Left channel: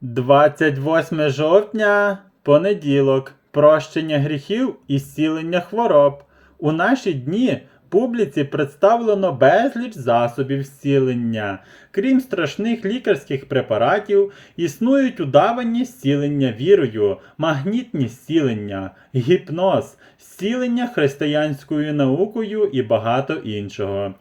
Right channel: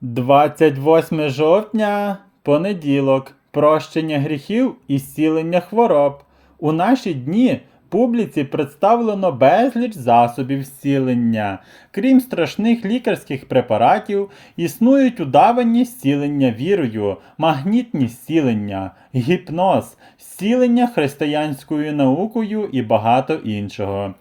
28 жовтня, понеділок. Прощення гріхів і зцілення хвороб. У наші дні публіці представлено безліч засобів зцілення. Крім страшних лікарських препаратів, існують удавані зцілення вірою, магнітні зцілення, гіпноз, зцілення християнською наукою і багато іншого.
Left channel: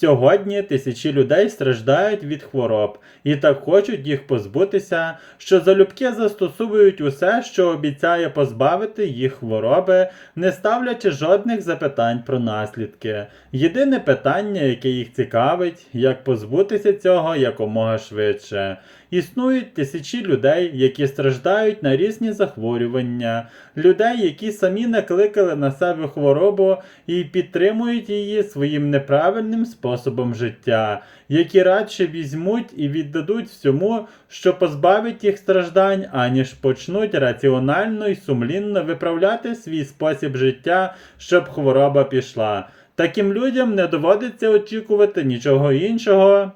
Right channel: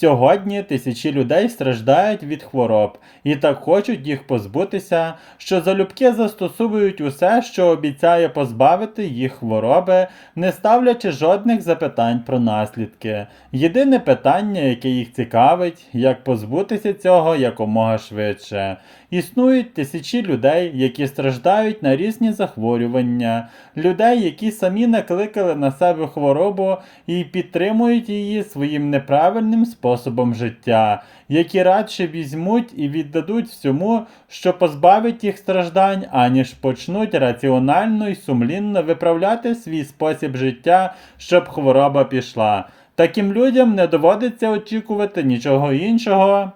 Сьогодні тисячі людей страждають від хвороб і так хочуть їх позбутися, що залюбки застосовують усе, що обіцяє позбавити їх хвороби, не ставлячи жодних запитань про наслідки. Єдине питання, яке їх цікавить, як позбутися цього якомога швидше. Існують тисячі людей, які страждають на різні захворювання, людей, які самі накликали на себе хворобу і підтримують її своїм неправильним способом життя, які радше візьмуть і віддадуть всьому, що позбавить їх страждань, аніж почнуть раціонально і сумлінно виправляти свій спосіб життя, щоб хвороба пішла. Таким людям не доводиться очікувати нічого іншого.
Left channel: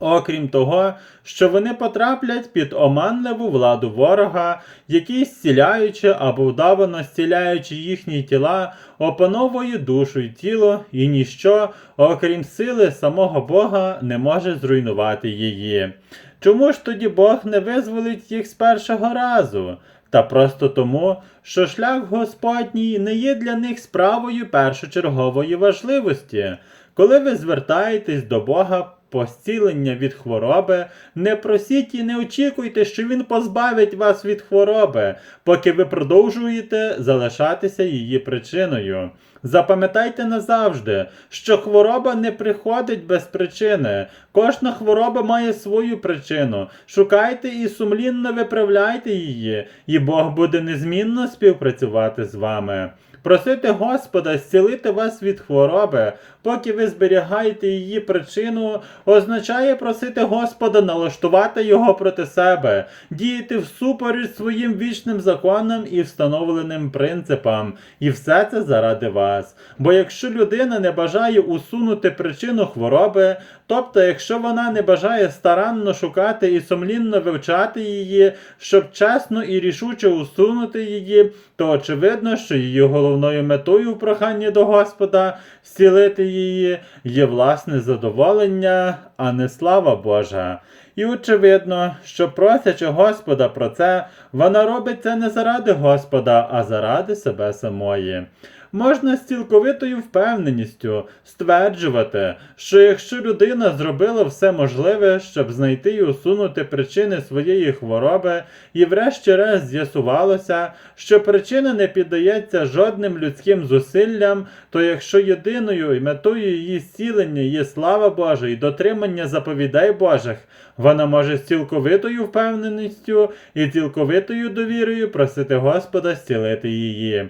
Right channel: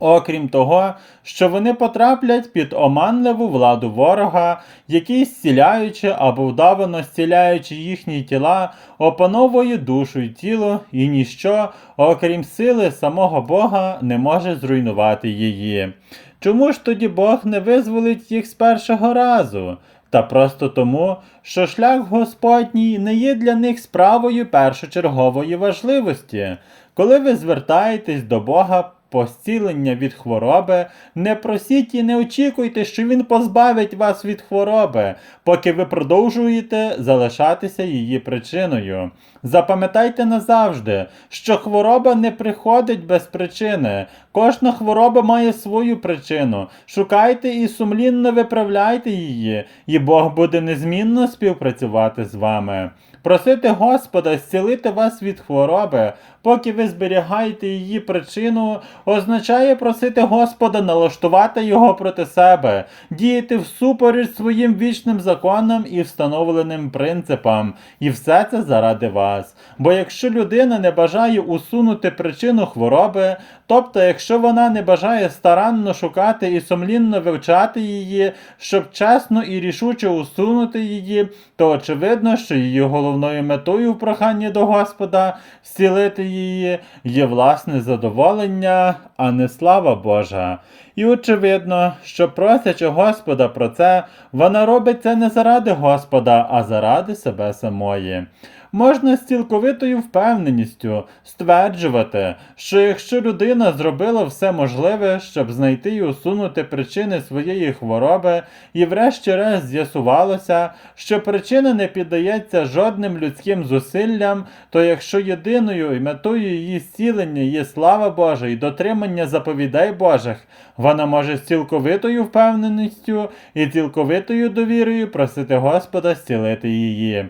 Окрім того, що вони потраплять під оманливу владу ворога, який зціляючи або вдавано зціляючи їхні тіла, опановує душу й тіло, і ніщо, окрім сили самого Бога, не може зруйнувати її. Чому ж тоді Бог не визволить їх з першого разу? Та просто тому, що шлях Господній не є для них справою першочергової важливості. Коли ви звертаєтесь до Бога по зцілення від хвороби, не просіть і не очікуйте, що Він позбавить вас від хвороби, поки ви продовжуєте залишатися її причиною. Запам'ятайте назавжди, що хвороба не приходить без причини. Кожна хвороба має свою причину. Шукайте і сумлінно виправляйте її, і Бог буде незмінно співпрацювати з вами. Просити Господа зцілити вас від хвороби, поки ви зберігаєте її причину, означає просити Господа налаштувати його проти себе, діяти всупереч своїм вічним законам і встановленим принципам. І все це заради вас. Бо якщо людина не бажає усунути причину хвороби, тобто, якщо вона не бажає старанно шукати і сумлінно вивчати її, щоб чесно і рішуче усунути її, то очевидно, що її головною метою в проханні до Господа зцілити її є власне задоволення, а не слава Божа. І очевидно, що просячи Господа про це, вона робить це не заради Господа, а заради себе самої. Можна з цілковитою впевненістю стверджувати, що якщо людина зробила все можливе, щоб знайти і усунути причини своєї хвороби, і врешті-решт з'ясувалося, що причина не піддається жодним людським зусиллям, то якщо єдиною і метою її зцілення є слава Божа і дотримання заповідей Божих, вона може з цілковитою впевненістю і цілковитою довірою просити Господа зцілити її.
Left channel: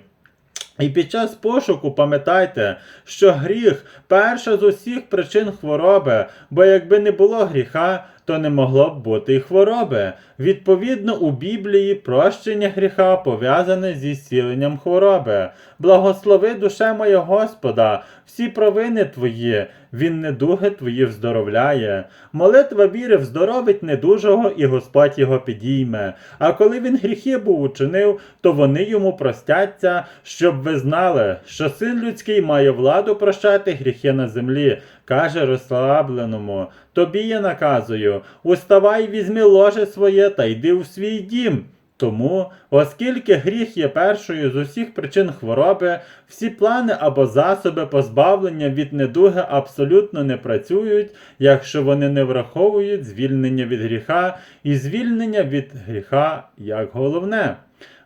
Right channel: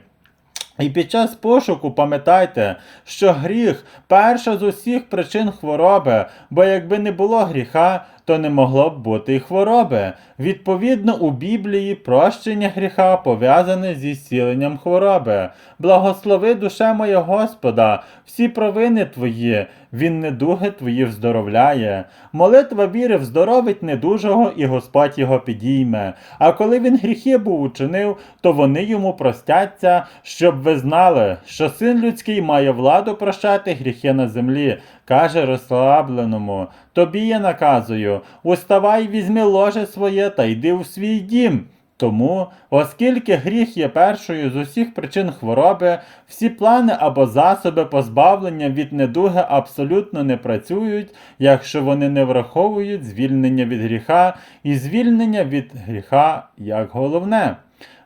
І під час пошуку пам'ятайте, що гріх перша з усіх причин хвороби, бо якби не було гріха, то не могло б бути й хвороби. Відповідно, у Біблії прощення гріха пов'язане зі зціленням хвороби. Благослови душе моя Господа, всі провини твої, Він недуги твої вздоровляє. Молитва віри вздоровить недужого, і Господь його підійме. А коли він гріхи був учинив, то вони йому простяться, щоб ви знали, що син людський має владу прощати гріхи на землі, каже розслабленому. Тобі я наказую, уставай, візьми ложе своє та йди у свій дім. Тому, оскільки гріх є першою з усіх причин хвороби, всі плани або засоби позбавлення від недуги абсолютно не працюють, якщо вони не враховують звільнення від гріха і звільнення від гріха як головне.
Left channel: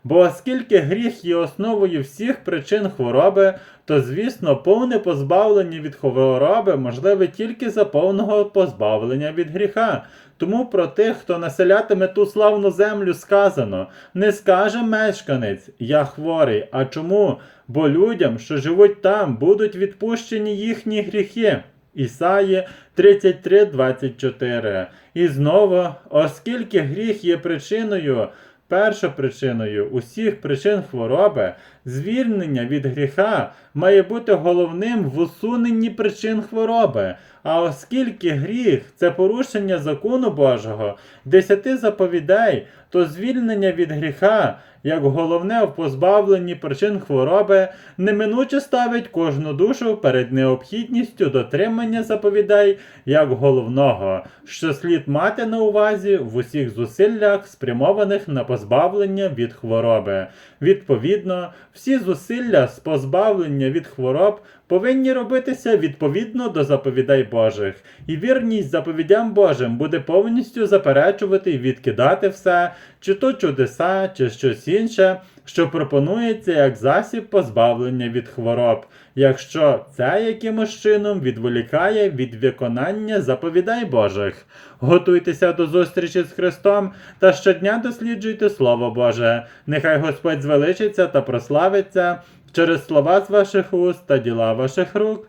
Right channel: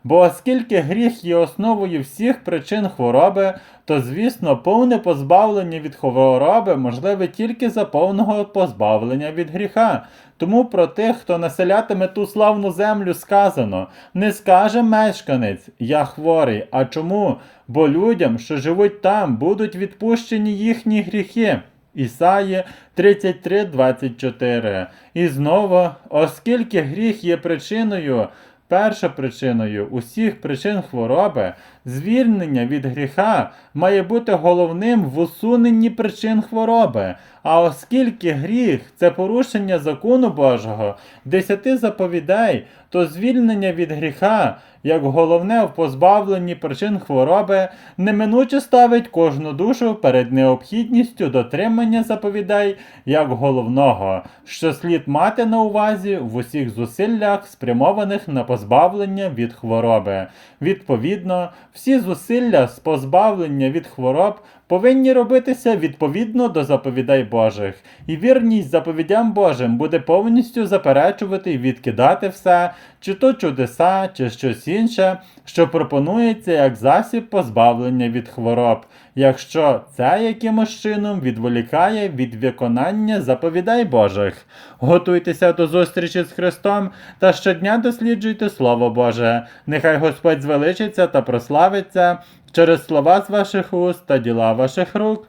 Бо оскільки гріх є основою всіх причин хвороби, то, звісно, повне позбавлення від хвороби можливе тільки за повного позбавлення від гріха. Тому про тих, хто населятиме ту славну землю, сказано: не скаже мешканець, я хворий. А чому? Бо людям, що живуть там, будуть відпущені їхні гріхи. Ісаї 33, 24. І знову, оскільки гріх є причиною першопричиною усіх причин хвороби, звільнення від гріха має бути головним в усуненні причин хвороби. А оскільки гріх це порушення закону Божого, десяти заповідей, то звільнення від гріха, як головне в позбавленні причин хвороби, неминуче ставить кожну душу перед необхідністю дотримання заповідей як головного, що слід мати на увазі в усіх зусиллях, спрямованих на позбавлення від хвороби. Відповідно, всі зусилля з позбавлення від хвороб повинні робитися відповідно до заповідей Божих, і вірність заповідям Божим буде повністю заперечувати і відкидати все, чи то чудеса, чи щось інше, що пропонується як засіб позбавлення від хвороб, якщо це якимось чином відволікає від виконання заповідей Божих. Готуйтеся до зустрічі з Христом та щодня досліджуйте Слово Боже. Нехай Господь звеличиться та прославиться через слова з ваших уст та діла ваших рук.